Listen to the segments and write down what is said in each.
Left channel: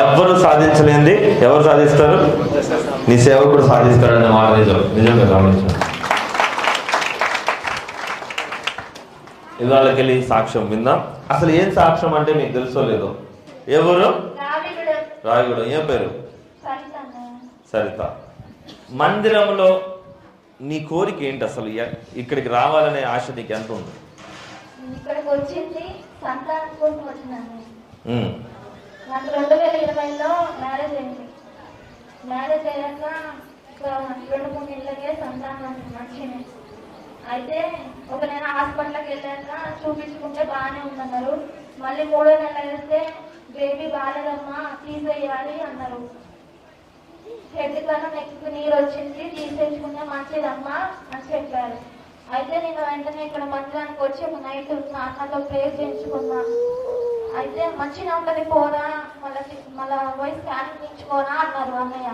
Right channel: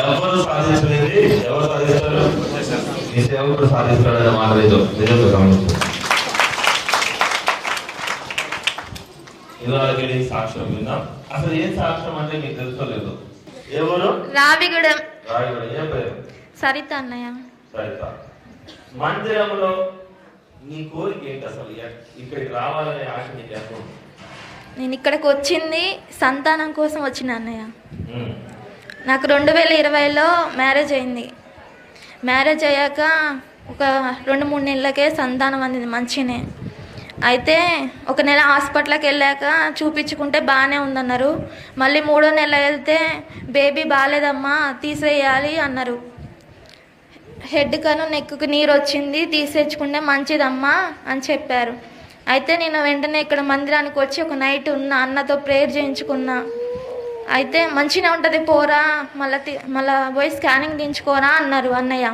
ఎవరు సాధించలేంది ఎవరు సాధిస్తారు? నీ సేవకుడు సాధిస్తాడు అనే మాట నిజంగా గమనిస్తాను. ఇవాళకెళ్ళి సాక్ష్యం విందాం. అసలు ఏం సాక్ష్యం అంటే మీకు తెలుసో లేదో? ఎవరు? రావిగూడెం. ఏం పేరు? సరిత అన్నయ్య. సరిత, మందిరంలో నీ కోరిక ఏంటి అసలు? ఇక్కడికి రావాలనే ఆశ నీకు ఎంత ఉంది? నేను ఇక్కడికి వచ్చింది సంతానం కోసం వచ్చిన అన్నయ్య. నాకు 2020లో మ్యారేజ్ అయింది. మ్యారేజ్ అయ్యాక ఒక 2-3 నెలలకే సంతానం అందింది మంచినే. అయితే ఒక నెల హాస్పిటల్కి వెళ్ళాక చూపించుకుంటే బాగానే ఉందన్నారు. మళ్ళీ 3వ నెల వెళ్తే బేబీ బాగాలేదమ్మా తీసేయాలి అన్నారు. హెడ్ కను నెక్కు నీరు వచ్చింది, తీసేసుకుంటే మంచిదమ్మా అని చెప్పారు. అయితే నేను వెంటనే ఇక్కడ మందిరానికి వచ్చి ఒక నైట్ ఉన్న అన్నతో ప్రేయర్ చేయించుకున్నా. అయితే మంచిగా ఉంటుంది పోరా, మళ్ళీ పోయి స్కానింగ్ తీయించుకోరా అన్నారు అన్నయ్య.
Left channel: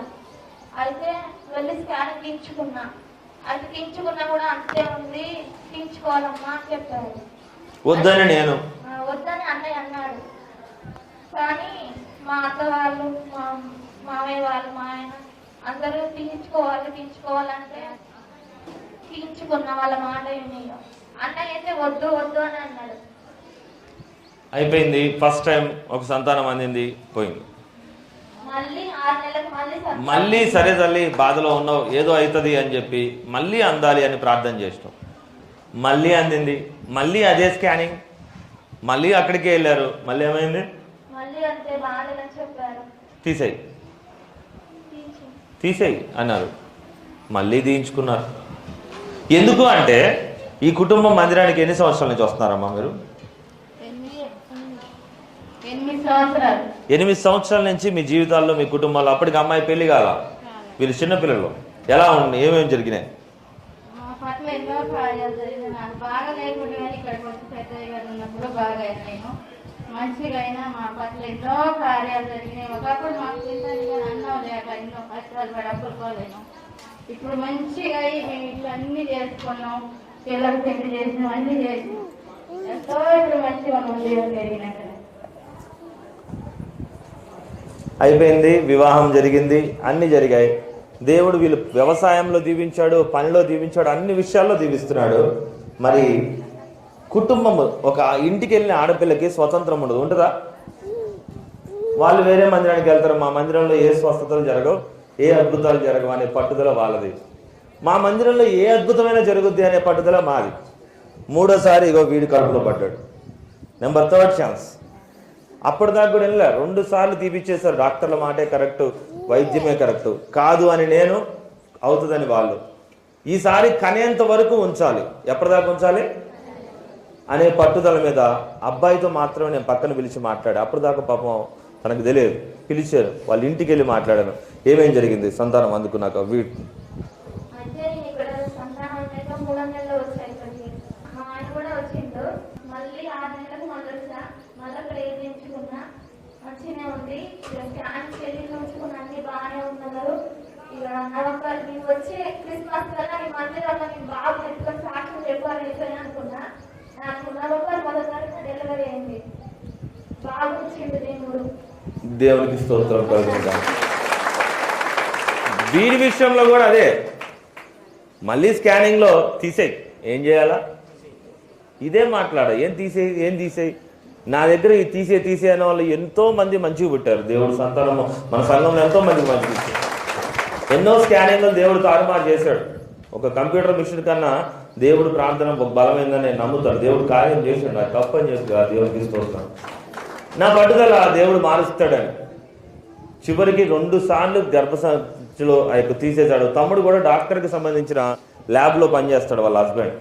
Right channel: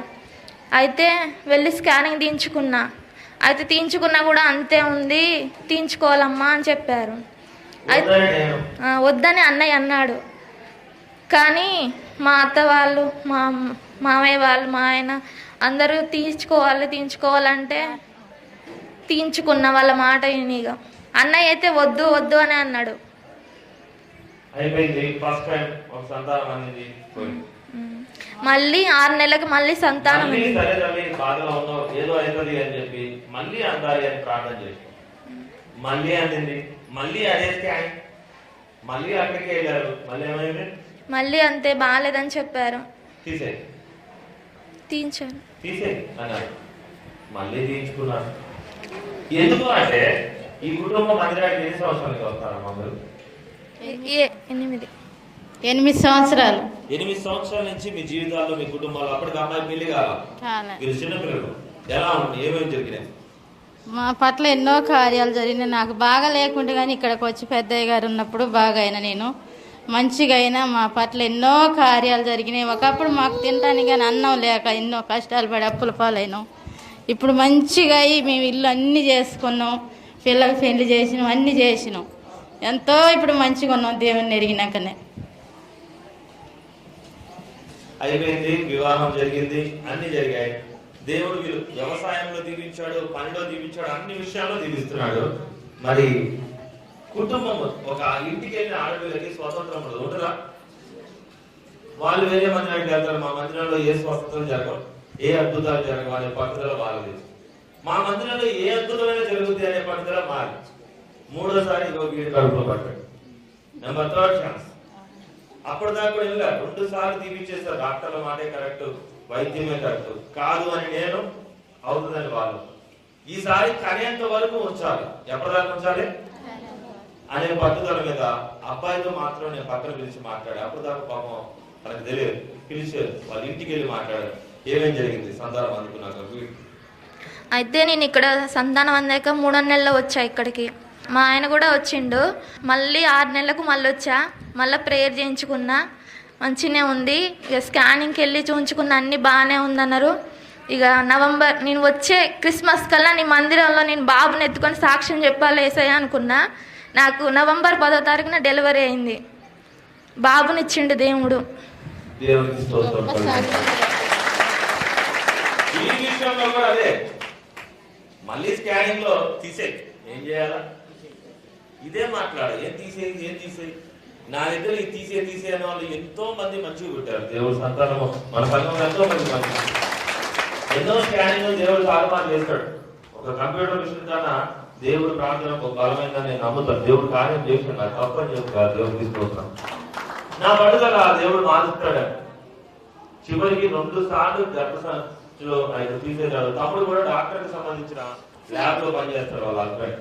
అయితే వెళ్ళి స్కానింగ్ తీయించుకున్నా. అయితే తీయించుకున్నా కూడా అంతే ఉంది, తీయించుకోవాలమ్మా అని చెప్పారు. వద్దని అన్నయ్య అన్నాడు. కానీ మా అత్త వాళ్ళు, మా మామయ్య వాళ్ళు, మా ఆయన అందరూ తీయించుకోవాలంటే తీయించుకున్న వాళ్ళ మాట వినిగా. అన్నయ్య అయితే వద్దు వద్దు అని అన్నాడు. అయిపోయింది. ఫస్ట్ టైం ఒక సంతానం అందింది, పోయింది. మళ్ళీ 6 నెలలకు మళ్ళీ సంతానం. మళ్ళీ సరే తల్లి బాధలో ఉన్నావు, ఏదో అవుతుంది అని చెప్పి మళ్ళీ అందాలి అని ప్రార్థన చేస్తాం. మళ్ళీ అందింది, మళ్ళీ అదే స్కానింగ్, మళ్ళీ అక్కడికే వెళ్ళారు. మళ్ళీ ఏమైంది? మళ్ళీ అంతే, బాగాలేదని చెప్పారు. తీసేయి అన్నారు. మళ్ళీ తీయించుకున్నారు. ఎందుకు అంటే ఈ కుటుంబం మందిరానికి ఎన్ని సంవత్సరాల నుంచి వస్తున్నారమ్మా మీరు? 8 సంవత్సరాలు. 8 సంవత్సరాల నుంచి మీ జీవితాల్లో, మీ కుటుంబాల్లో. అప్పటికి అమ్మాయి పెళ్లి కాదా? వీళ్ళు చిన్నపిల్లలు. ఎలా ఉంది? ఏమేమి జరిగినాయి? మా పట్ల ఎన్నో కార్యాలు జరిగినాయి. నాకు బాగా లేకుంటే కానీ ఇక్కడికి వచ్చి పెద్దయ్య గారు ఉన్నప్పుడు బాగా అయినా, నేను మంచిగా అయినా. మా పట్ల ఎన్నో కార్యాలు జరిగినాయి. ఒకప్పుడు మాకు తినడానికి కానీ అన్నం లేక ఎన్నో కష్టాలు పడి అప్పుల పాలైనాం. ఇప్పుడు మంచిగా అయ్యి మేము ఇల్లు అన్నీ చేసుకున్నాం, పిల్లలకు పెళ్లి చేసినాం, అన్నీ చేసినాం. ఎంతో ఇప్పుడు మంచిగా ఉన్నాం దేవుని ఎరిగినాకనే. అయిపోయింది, వివాహం జరిగింది, అన్ని జరిగాయి. దేవుడు వీళ్ళు వ్యవసాయంలో దీవించాడు, పనిలో దీవించాడు, అన్ని విషయాల్లో దీవిస్తున్నాడు. మరి కుటుంబం, ఒక ఇంటికి వెళ్ళిన ఆడపిల్లకి స్వతంత్రం ఉండదు, ఉంటుందా? వాళ్ళు వేరే మందిరానికి వెళ్తారు. మా మందిరంలో ఏ స్వస్థతలు జరగవు, ఏ అద్భుతాలు జరగవు అనే పట్టుదల వాళ్ళది. మా మందిరంలో ఏ అద్భుతమైన జరుగుద్ది అనే పట్టుదల మాది. 3వసారి ఇగో వీడి కడుపులో పడ్డాడు. Number 3rd chance. అప్పటిదాకా కూడా వెళ్ళా. 2 సార్లు తీపిచ్చేశారు. డాక్టర్ల మాటే కరెక్టు, వైద్యమే కరెక్టు కాదు అని నేను, అవుతుందని వాళ్ళు. ఈసారి కనేంత వరకు ఉంచాలి. ఎప్పటిదాకా ఉంచాలి అనే పట్టుదల మీద అబ్బాయితో మాత్రం నేను పక్కన పిలిచి మాట్లాడా. అప్పటిదాకా పాపం తనకు తెలియదు. పిలిచారు, వాళ్ళ ఇంటికి వెళ్ళి మాట్లాడాను. ఏమేం జరిగింది సంతానం అందుకున్నాక? అయితే నేను ఇక్కడ సంతానం అందాక 3వ నెలలో వచ్చా ఇక్కడికి. మా ఆయన కూడా వచ్చిండు. మళ్ళీ 6 నెలలకు మళ్ళీ వచ్చా. మళ్ళీ ప్రేయర్ చేయించుకున్నా, మంచిగానే ఉంది. ఇక స్కానింగ్కి వెళ్ళి చూయించుకున్న, అన్నీ బాగానే ఉందన్నారు. ఇక నవంబర్, నేను వచ్చే క్రిస్మస్ కల్లా నీ మందిరంలో నేను బాబుని ఎత్తుకొని సాక్ష్యం చెప్పాలి ఏసయ్య అనుకున్నా. నాకు నవంబర్ 10వ తారీఖున డెలివరీ అయింది. బాబునిచ్చిండు దేవుడు. దేవునికి స్తోత్రం. దీని విషయంలో కూడా అదే. మళ్ళీ స్కానింగ్లో తీసేయి, ఏం చేయాలా? ఇదే మాట్లాడ. ఏం తీసేయి. నా దగ్గర ఈ తీసే అనే వాళ్ళు ఎంతో మంది మంచిగా పుట్టారు. దేవుడు సంతానము మన సంఘంలో ఎంతో మంది మంచి, ఎన్నో స్కానింగ్లు దేవుడు తారుమారు చేశాడు. ఒక కంప్యూటర్ మిషన్ కన్నా దేవుడు ప్రార్థన బలమైందని నేను నమ్ముతాను. దేవుడు కార్యం చేశాడు. నాకు తప్పని చెప్పి దేవుడు తీసుకొస్తాను. నా పట్టుదల దేవుడు మారుస్తాడని. చివరికి 2 సార్లు గర్భసంచిలో తీసేశాడు. తమ్ముడు కూడా డాక్టర్కి సంబంధించిన ల్యాబ్లో పనిచేస్తాడు, వాళ్ళ హస్బెండ్.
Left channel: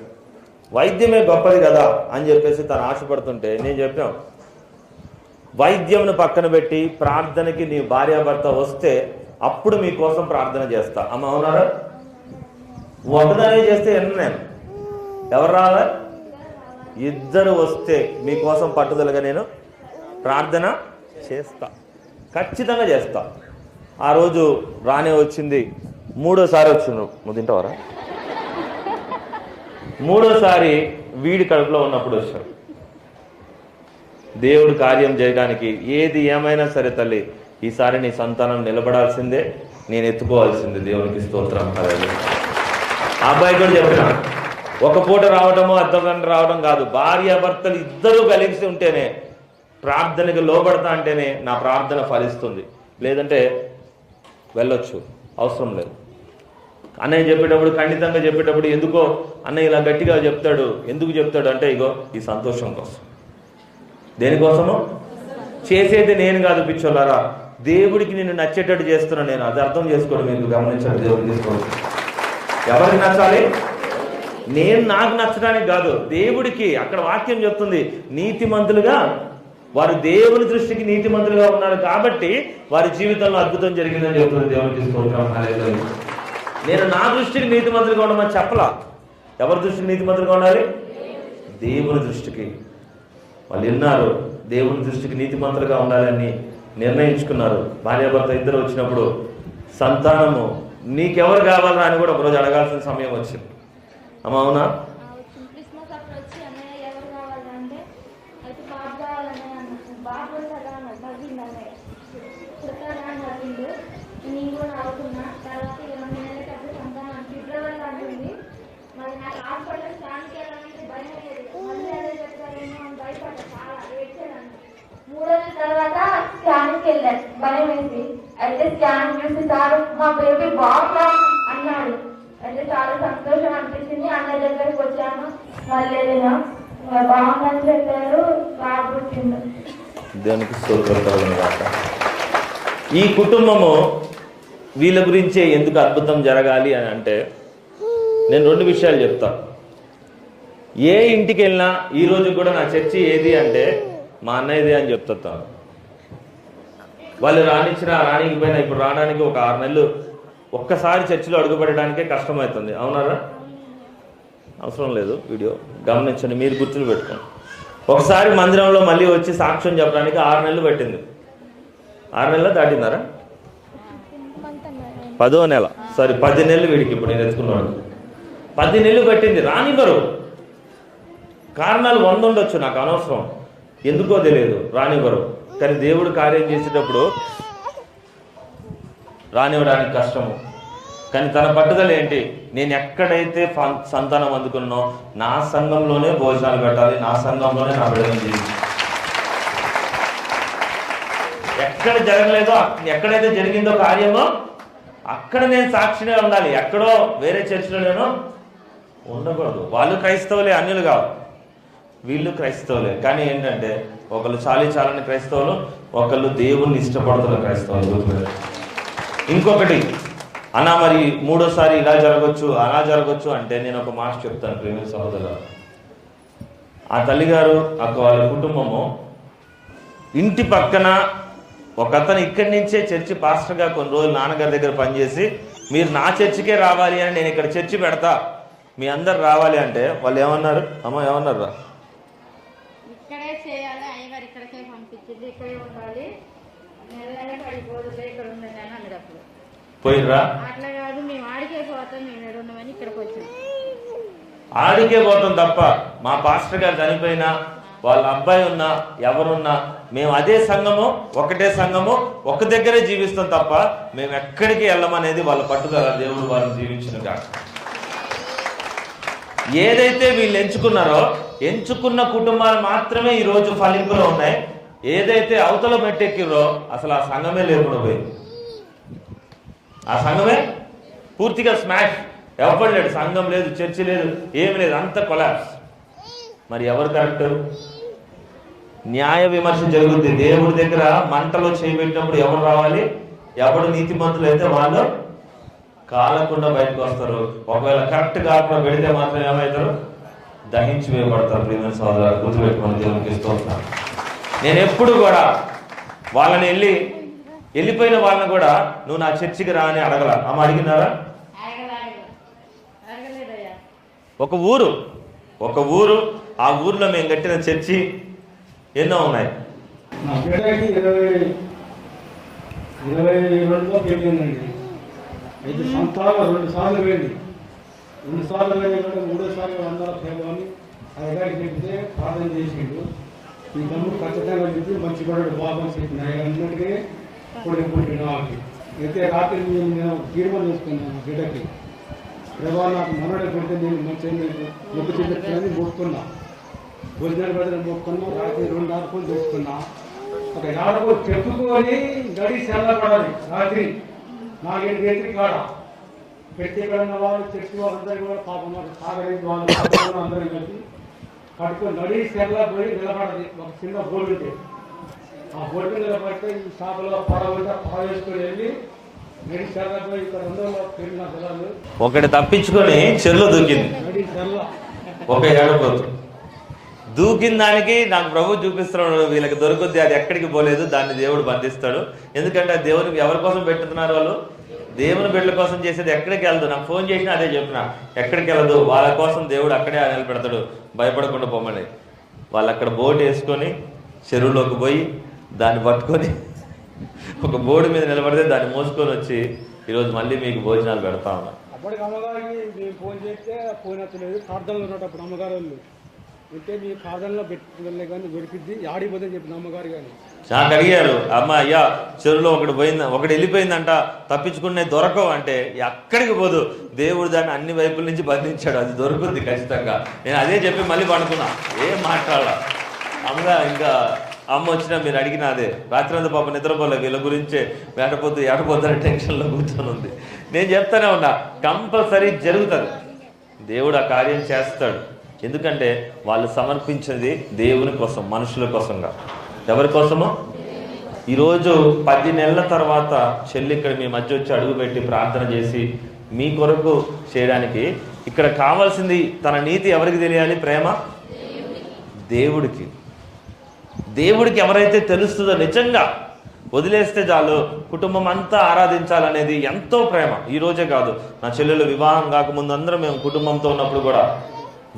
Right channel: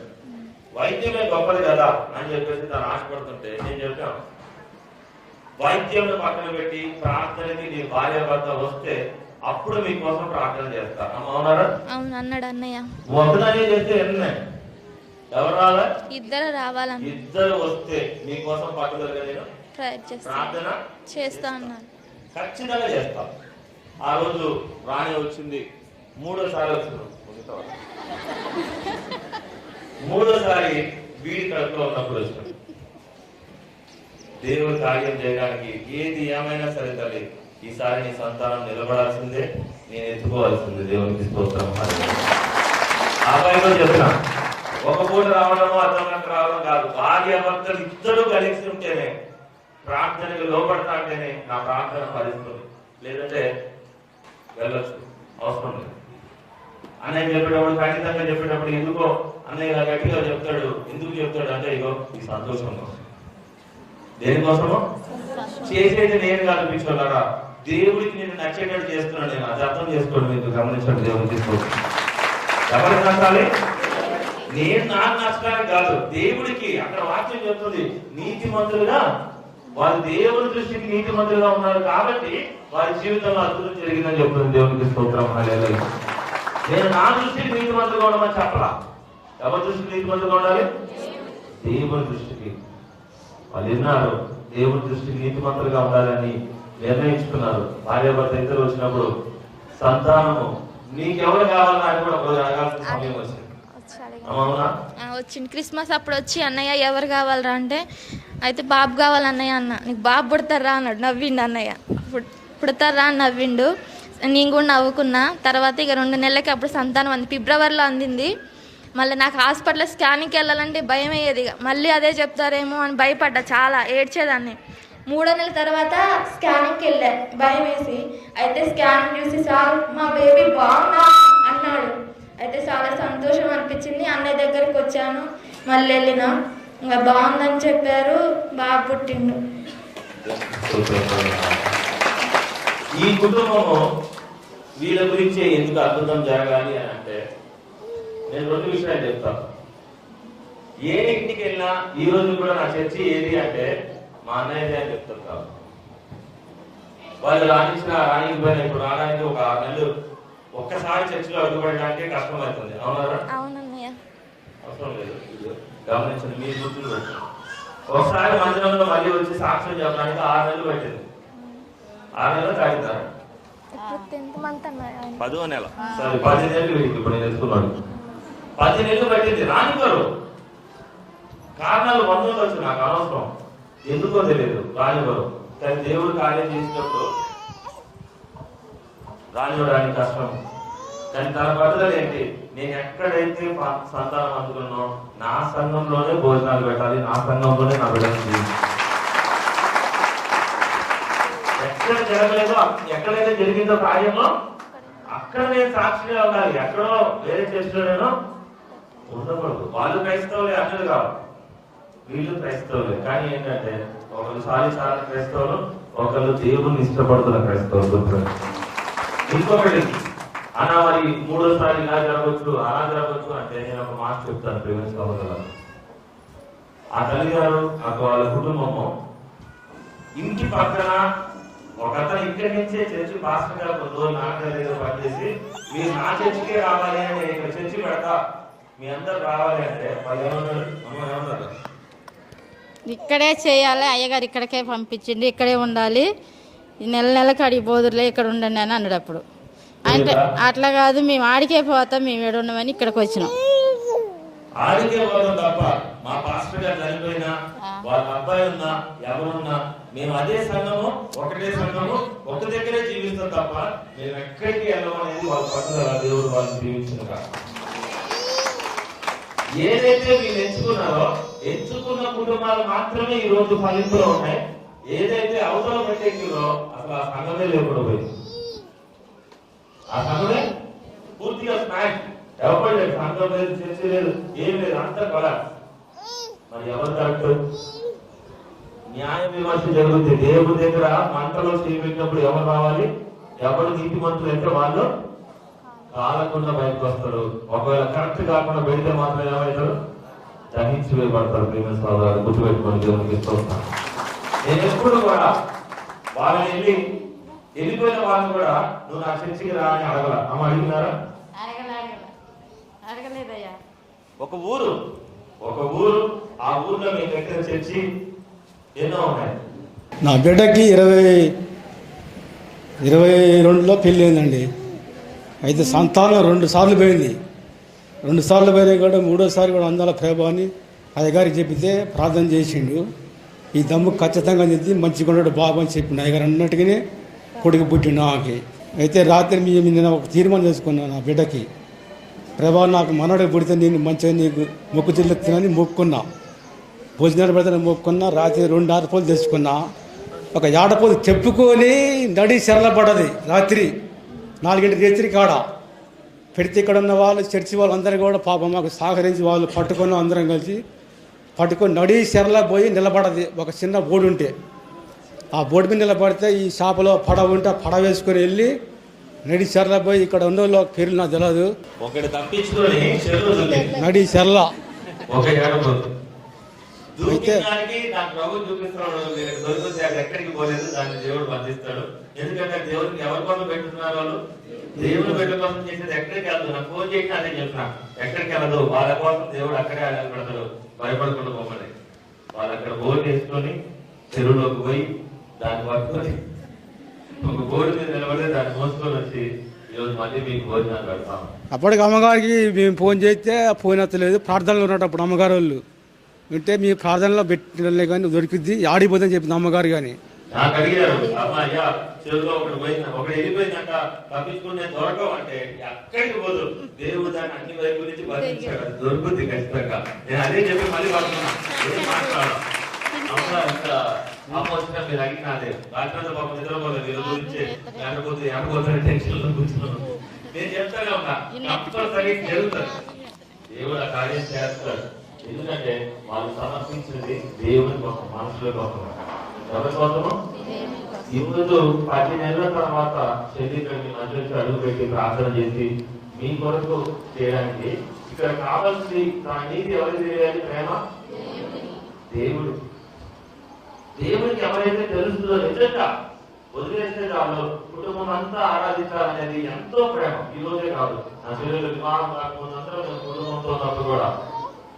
వైద్యమే గొప్పది కదా అని చెప్పేసి తను ఆశపడుతుంటే నేను చెప్పాను, వైద్యంను పక్కన పెట్టి ప్రార్థనకి నీ భార్యాభర్త వస్తే అప్పుడు మీకోసం ప్రార్థన చేస్తా. అమ్మ అవునారా? ఒకదాన్ని చేస్తే ఎవరు రావాలా? ఇద్దరు వస్తే మీకోసం పట్టుదలగా నేను ప్రార్థన చేస్తా, ఖచ్చితంగా చేస్తా. ఆ రోజు రానే వచ్చింది. 3వసారి వచ్చిండ్రు. నువ్వు తింటావరా? 3వసారి వీడి కడుపులో ఉన్నప్పుడు వచ్చాడు. దేవుడు కార్యం చేయడానికి ఏది ఏమైనా సరే తల్లి ఈసారి నీ సంతానం నిలబడాల్సిందే, నేను ఎత్తుకోవాల్సిందే. దేవునికి స్తోత్రం. ఆ అబ్బాయి కూడా చెప్పిన, ఒక పూట రావడము అర్ధగంట రావడం కాదు, భార్యాభర్తలు ఇద్దరూ కలిసి ఉంటేనే, ప్రార్థనకి లోబడతా అంటేనే నా ప్రార్థన ఫలిస్తుంది. లేదంటే వెళ్ళొచ్చు, అవసరం లేదు. అన్నయ్య చెప్పేటప్పుడు, ఖండితంగా చెప్పేటప్పుడు ఎందుకో అన్నయ్య ఇలా గట్టిగా చెప్తాడు. ఎందుకు చెప్తాడు అంటే, ఇగో ఈ సంతోషం కోసం. దేనికోసము? చేసేది నేను కాదు పిచ్చోళ్ళారా, దేవుడికి నేను నచ్చేటట్టు చేస్తున్నాను నేను. అది అర్థం చేసుకోండి, మీకు గమనించండి. దేవుడు తీసుకోండి. ఎవరికి నచ్చాలి? నేను నాకు నచ్చడానికి కాదు, దేవుడికి. అక్కడ వాక్యం చెప్తుంది, నీతిమంతులుగా వారు దేవుడి దృష్టికి నీతిమంతులుగా ఉన్నారు కాబట్టి వారి జీవితంలో అద్భుతం జరిగిందని చెప్తుంది. దేవుడికి స్తోత్రం. నేను నా దృష్టికి నీతిమంతులుగా ఉండమని చెప్పలా. ఎవరి దృష్టికి నీతిమంతులుగా ఉండాలి? దేవుడి దృష్టికి. వాళ్ళు విన్నారు, దేవుడి దృష్టికి నీతిమంతులుగా ఉండాలని నిర్ణయించుకున్నారు. భార్యాభర్త ఇద్దరు వచ్చినప్పుడు సంతానము నీకెవరు కావాలని అని కూడా ఒకరోజు అడగాల్సిన సమయం వచ్చింది. అవునా? వచ్చింది. క్రిస్మస్ అప్పుడు వచ్చి అన్నయ్య ఎవరు కావాలరా అంటే, అయితే బాబు కావాలి అన్నయ్య అన్న. నీకు బాబు పుడతారా అన్నాడు. నవ్విండు అన్నయ్య. పుడతారా అని నవ్విండు. నేను కూడా నవ్వుకున్నా. తర్వాత ఇక 2 నెలలకి అప్పుడు సంతానం అంది. ఫిబ్రవరిలో అందింది. మళ్ళీ నాకు హాస్పిటల్లో స్కానింగ్కి వెళ్ళాలంటే భయం అయ్యేది. ఇక మళ్ళీ అదే చెప్తారేమో అని భయపడ్డా, చాలా ఏడ్చేదాన్ని. 3వ నెల తర్వాత స్కానింగ్కి వెళ్ళాను భయం వేసి. అయితే స్కానింగ్ చూసి సార్ మా బేబీ బాగున్నా అన్నాడు. అయితే చాలా సంతోషం అనిపించింది. అన్నయ్య దగ్గరికి వచ్చాను, మళ్ళీ వెళ్ళినా, ఇంకా బాగుందని చెప్పారు. బాగా పుట్టిండు. ఈ కుటుంబము వీళ్ళ గురించే ఎందుకు అద్భుతం జరగాలి అని అంటే, నేను 2 విషయాలు చెప్తాను. ఏ ఇంటికి వెళ్ళినా ఈరోజు కూడా నా చర్చి ఏది అంటే మా అన్నయ్యది అని చెప్తాను. వాళ్ళు రానిచ్చినా రానికపోయినా ఇప్పుడు రావడానికి ఒక 6 నెలలు ఒక్కసారి చర్చిలో అడుగుపెట్టడానికే కష్టమవుతుంది. అవునారా? అవసరం లేదు, వీడియో గమనించండి, మీరు గుర్తులు పెట్టుకోండి. ఒకసారి మందిరంలో మళ్ళీ వచ్చి సాక్ష్యం చెప్పడానికి 6 నెలలు పట్టింది. 6 నెలలు దాటిందారా? 10వ నెల, సారీ 10 నెలలు వీడికి ఇప్పుడు నేను ఎత్తుకున్నాను. 10 నెలలు పట్టింది. రానివ్వరు. కారణాలు 100 ఉండొచ్చు, నాకు అనవసరం, ఎందుకో తెలియదు, రానివ్వరు. కానీ దేవుడు కార్యం చేసేటప్పుడు రానివ్వడానికి కష్టము. కానీ తన పట్టుదల ఏంటి? నేను ఎక్కడైతే సంతానం అందుకున్నానో నా సంఘంలోనే భోజనాలు పెట్టాలి, నా సంఘంలోనే నా బిడ్డలు చేయాలి. ఎక్కడ జరగలేదో, ఎక్కడైతే జరిగిందో కార్యమో అక్కడ నేను సాక్షిగా ఉండాలి. ఎక్కడో వేరే చర్చిలో నేను ఉండకూడదు. వాళ్ళు క్రైస్తవులే, అన్యులు కాదు, వీళ్ళు క్రైస్తవులే. కానీ ఏంటంటే ఒకళ్ళు చాలని క్రైస్తవులు, ఒకళ్ళు దేవుణ్ణి ఇష్టపడుతున్న క్రైస్తవులు. ఇంకొకటి అలా మరి 3వసారి ఇలా జరగచ్చు అలా జరగచ్చు అంటే నేను ఒక మాట చెప్తాను ప్రేమ సహోదరులు. ఆ తల్లిగారు వాళ్ళ కుటుంబము ఇంటి పక్కన ఒక అతను ఇక్కడి నుంచే చర్చి పాస్టర్గా కొన్ని రోజులు నాన్నగారి దగ్గర పనిచేసి, మీరు నా చర్చికే రావాలి అని, నేను ఇక్కడ చర్చి పెడతా, మీ అందరు రావాలి అంటే వాళ్ళు ఏమన్నారు? అమ్మ ఏమన్నారు? ఇక్కడే చేయాలి, అయ్యగారు ఇక్కడికే పంపించింది, ఇక్కడే ఉండాలి, నెలకి అడిగి బోదురులే ఇక్కడ ఉండండి అని అన్నాడు. అప్పుడు అంటే అట్లా కాదు, మేము ఆడికే పోతాం, మేము ఏడు ఉన్నామని ఇక్కడికి వచ్చినాం. ఆడికే పోతాం తప్ప మా పాస్టర్ గారు చనిపోయినా, వాళ్ళ అబ్బాయి ఉన్నా, ఎవరున్నా మేము అదే సంఘము, ఒకటే సంఘము, ఒక దగ్గరే జీవిస్తాం తప్ప మేము ఎక్కడికి వెళ్ళమనేది వాళ్ళ పట్టుదల. దేవుడు వాళ్ళని జీవించిన ఏదైతే వీళ్ళు ఎంచుకున్న కుటుంబాలు మాత్రమే ఈ రోజు ఫలింపులో ఉన్నాయి. ఏదైతే అవతల మెట్టెక్కిరో అసలు ఆ సంఘమే లేకుండా పోయింది. ఆ సంఘమే పూర్తిగా స్మాష్. ఎవరు లేడు, సంఘం లేదు, చర్చి లేదు, ఏమి లేదు, అంత కొలాప్స్. మరి ఎవరు కరెక్ట్? న్యాయ విమర్శ జరుగుతుంది. దేవుడి దగ్గర మంటలో చేయబెట్టినప్పుడు ఎవరు రావాలి? ఎవరు నీతిమంతులు అయితే వాళ్ళు కాలకుండా బయటకు వస్తారు. ఒకవేళ కరెక్ట్ కాకుండా పెడితే మాత్రం ఏమవుతారు? దహించి వేయబడతారు. దేవుని సోదరులు గుర్తుపెట్టుకోండి. దేవునికి ఇస్తూ ఉంటాను. నేను ఎప్పుడు కూడా వాళ్ళని వెళ్ళిపోయిన వాళ్ళని కూడా నువ్వు నా చర్చికి రా అని అడగల. అమ్మ అడిగినారా? ఒక ఊరు ఆ ఊర్లో మేము కట్టిన చర్చి ఎన్నో ఉన్నాయి. నా బిడ్డకి 22లో పెళ్ళి అయిందండి. అయితే సంతానం 2 సార్లు పోయింది. 2 సార్లు పోయినా కూడా 3వసారి కూడా అందాల ప్రభావాన్ని అయ్యగారికి చెప్తే ప్రార్థన చేసిండు. ఈ దమ్ము ఖచ్చితంగా చెప్తే మంచిగా ఉన్నాడు బాబు అని చెప్పిన అయ్యగారు అన్నట్టుగానే కొడుకు పుట్టిన ఆమెకి. అయితే రాత్రి నేను ఒక తీర్మానం చేసుకున్నాను నా బిడ్డకి, ప్రభా నాకు మనవడికి పుడితే నేను మంచిగా నీకు మొక్కు చెల్లిస్తున్నాను మొక్కుకున్నా, భోజనాలు పెడితే మొక్కుకున్నా. రాత్రి 2 ఆడపోలు తెచ్చుకున్నా. ఒక ఏడపోలు చెప్పుకొని నడి శరళపడ్డది. రాత్రి 4 రాత్రి కాడ పెడితే ఇక్కడ ఉన్న వాళ్ళు చర్చి వాళ్ళు అందరూ కూడా పాపం మాకు సహకరించి వాళ్ళు పట్టుకున్న అందరం కలిసి పట్టుకొని నడి శరళ పోయి నిలబడది. ఒక చిన్న బోర్డు ఉంటే ఆ బోర్డు మీద నిలబడితే ఈ షాపులో పడవ ఉంటే ఆ పడవ వేసుకొని వెళ్ళి నడి చెర్ల పోయి ఇక్కడ ఉన్న వాళ్ళు పేర్లు నాకు తెలియదు, ఒకటి తప్పించుకొని చెరులో దూకింది. నడి చెర్ల ఒక ఏడపోతు దూకిన దానికి నాకు ప్రభు చూపిస్తున్నాడు, వీళ్ళకి దొరుకుద్ది, అది ఎక్కడికి పోలేదు, దాన్ని దేవుడు బంధిస్తాడు. ఎందుకంటే దేవుడికి ఎవరి కోసం పెట్టుతున్నారు వాళ్ళు? దేవుని బిడ్డల కోసం చేసేది. ఎక్కడికి వెళ్ళదు, నాకు ఫోన్ చేసినా అదే చెప్తున్నా, ఎక్కడికి వెళ్ళదు, వాళ్ళ కోసం దేవుడు అక్కడే నిలబెడతాడు, భయపడకుండా పొమ్మని. వాళ్ళు అక్కడ బోట్ వేసుకొని చెరువులోకి పోయి దాన్ని పట్టుకొని ఒక బోర్డు మీద నిలబడితే దాన్ని మోసుకొని వచ్చి ఈరోజు మళ్ళీ మీకు భోజనాలు పెడతా ఉన్నాం. అప్పటికి అమ్మగారికి మేము ఫోన్ చేస్తే ఫోన్ ఎత్తలేదు. ప్రార్థనలో ఉన్నప్పుడు అమ్మగారు వాళ్ళు వింటే మీ ప్రార్థనలో పెట్టిన కానీ దొరికింది, ఆడిపోతుందని చెప్పింది అమ్మగారు. కానీ నాకు అడిగారు, అమ్మ అయ్యా చెరువులో ఒకటి వెళ్ళిపోయిందంట, తప్పించుకునే దొరకవు అంటే, ఎక్కడికి పోదు, దేవుడు దాన్ని అన్ని వైపుల నుంచి బంధించాడు, అది దొరుకుతుంది ఖచ్చితంగా. నేను అదే చెప్పి మళ్ళీ పడుతున్నా, ఏం మాట్లాడాల. ఇంకా అమ్మ వచ్చినా మీరు అడిగిన అదే, రాత్రి అంతా పాప నిద్రపోలే, వీళ్ళ గురించే ఏడపోతారని టెన్షన్లో కూర్చొని ఉంది. నేను చెప్తానే ఉన్నా, కంపల్సరీ జరుగుతుంది, దేవుడు ఆ కార్యం చేస్తాడు. ఎందుకంటే వాళ్ళు సమర్పించింది దేవుని కోసం, మనుషుల కోసంగా. ఎవరి కోసమో? ఈరోజు 10 నెలల తర్వాత చెల్లి ఇక్కడ మీ మధ్య వచ్చి అడుగుపెట్టి ప్రార్థన చేసి మీ కొరకు చేయడానికి. ఇక్కడ కావాల్సింది తన నీతి ఎవరికి తెలియాలి? ప్రేమ దేవుడికి. దేవుడికి ఎవరైతే తెలుస్తుందో నిజంగా వదిలేస్తే చాలు, కుటుంబం అంతా ఆరాధించాలనేది ఎంతో ప్రేమ. ఈ రోజే కాదు, నా చెల్లెలు వివాహం కాకముందు అందరం మేము కుటుంబంతో ఉన్నప్పుడు కూడా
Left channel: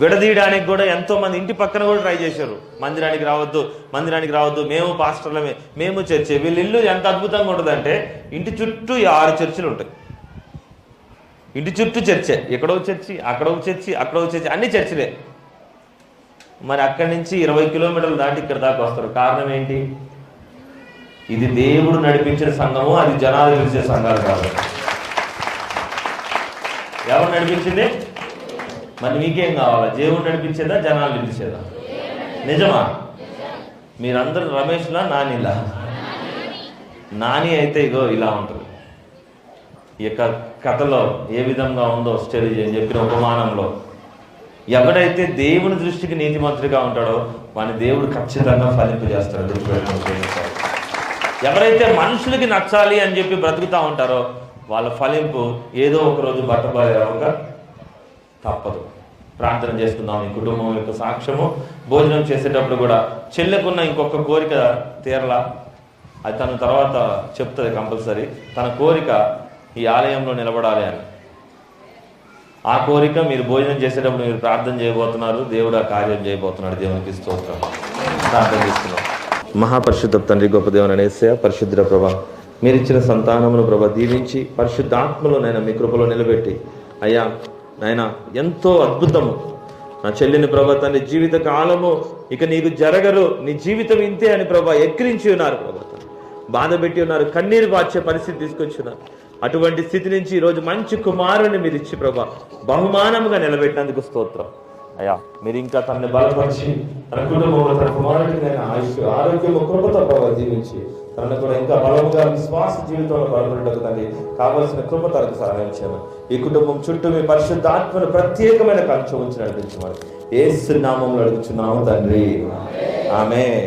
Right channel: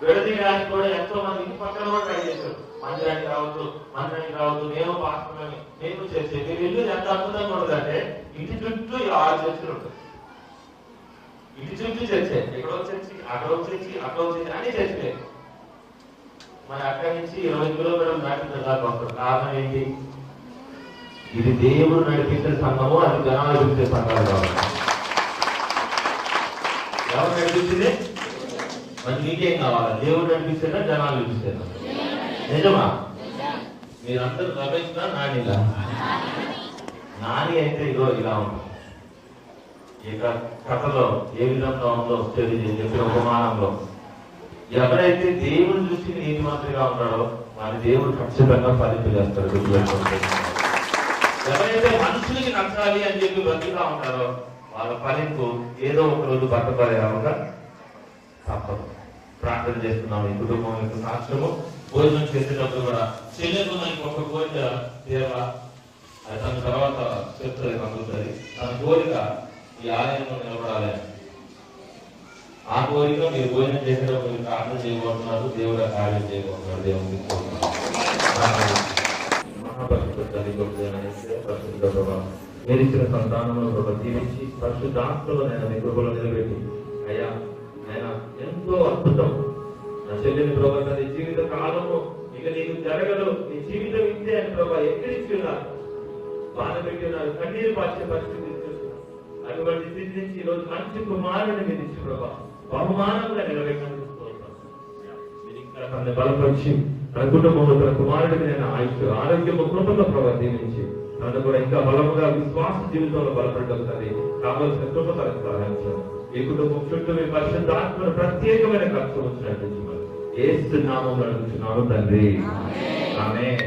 విడదీయడానికి కూడా ఎంతో మంది ఇంటి పక్కన కూడా ట్రై చేశారు. మందిరానికి రావద్దు, మేము పాస్టర్లమే, మేము చర్చే. వీళ్ళ ఇల్లు ఎంత అద్భుతంగా ఉంటుందంటే ఇంటి చుట్టూ 6 చర్చిలు ఉంటాయి. ఇంటి చుట్టూ చర్చే, ఎక్కడో చర్చి, అక్కడో చర్చి, అక్కడో చర్చి, అన్ని చర్చిలే. మరి అక్కడి నుంచి 20 కిలోమీటర్లు దాటి ఇక్కడ దాకా వస్తారు. కారణం ఏంటి? ఇది దేవుడు నడిపించిన సంఘము, అది జనాలు పిలిచే సంఘాలు కాదు. ఎవరు నడిపించింది? మరి మీకేం కావాలా? దేవుడు నడిపించేదా, జనాలు నడిపించేదా? నిజమా? మీరందరూ రమేష్లా, నానిలా? నాని అయితే ఇగో ఇలా ఉంటుంది. ఈ యొక్క కథలో ఏ విధంగా ఉందో స్టడీ చేసి చెప్పిన ఉపమానంలో, ఎవరైతే దేవుని దృష్టికి నీతిమంతుడిగా ఉంటాడో వాని దేవుడు ఖచ్చితంగా ఫలింపు చేస్తాడు. ఎవరైతే మనుషులకి నచ్చాలి అని చెప్పి బ్రతుకుతూ ఉంటారో వాళ్ళ ఫలింపు ఏదో ఒక రోజు బట్టబడేలాగా తప్పదు. ప్రార్థన చేస్తున్నాం ఈ కుటుంబం యొక్క సాక్ష్యము. భోజనం చేసేటప్పుడు కూడా చెల్లెకున్న ఇంకొక కోరిక తీరలా, అది తన తర్వాత చెప్తుంది కంపల్సరీ. తన కోరిక ఈ ఆలయంలో నిలబడాలి అని. ఆ కోరిక మీరు భోజనం చేసేటప్పుడు మీరు ప్రార్థన చేయబోతున్నారు, దేవుడు ఆ కార్యం చేయబోతున్నాడు. దేవునికి స్తోత్రం. ప్రార్థన చేస్తున్నాం. మహాపరిశుద్ధ తండ్రి, గొప్ప దేవుని యేసయ్య, పరిశుద్ధ ప్రభా, మీరు ఇచ్చిన సంతానమును ప్రభా దీవించి పరిశుద్ధాత్మలో నైనా మీ కృపలో నిలబెట్టి, అయ్యా నాయన ఎంతో అద్భుతము నా చెల్లిని ప్రభా తండ్రి జీవిత కాలము ఇక నీకు జరగరు, నీ జీవితం ఇంతే అని ప్రభా ఎక్కిరించి ఉన్నారు, ప్రభా బాధ పెట్టి ఉన్నారు, కన్నీరు వార్చే పరిస్థితి తీసుకొచ్చున్నారు. అటువంటి స్థితి నుంచి ఈరోజు మంచి కుమారుని మీరు ఇచ్చి ప్రభా బహుమానముగా నిలబెట్టినందుకు స్తోత్రం. అయ్యా మీరు ఇంకా తనని బలపరిచి తన కుటుంబంలో తన కుమారుడికైనా ఆరోగ్యము కృపతో ప్రభావ జీవించి తనను కూడా ఇంకా బలముగా విశ్వాస జీవితంలో బలపడగలుగుతుంది. కావాల్సిన కృప తనకు సహాయించాను. ఈ కుటుంబం చుట్టూ మీ పరిశుద్ధాత్మను ప్రత్యేకమైన కంచె ఉంచి నడిపించమని యేసు నామములో అడుగుచున్నాము తండ్రి, ఆమేన్.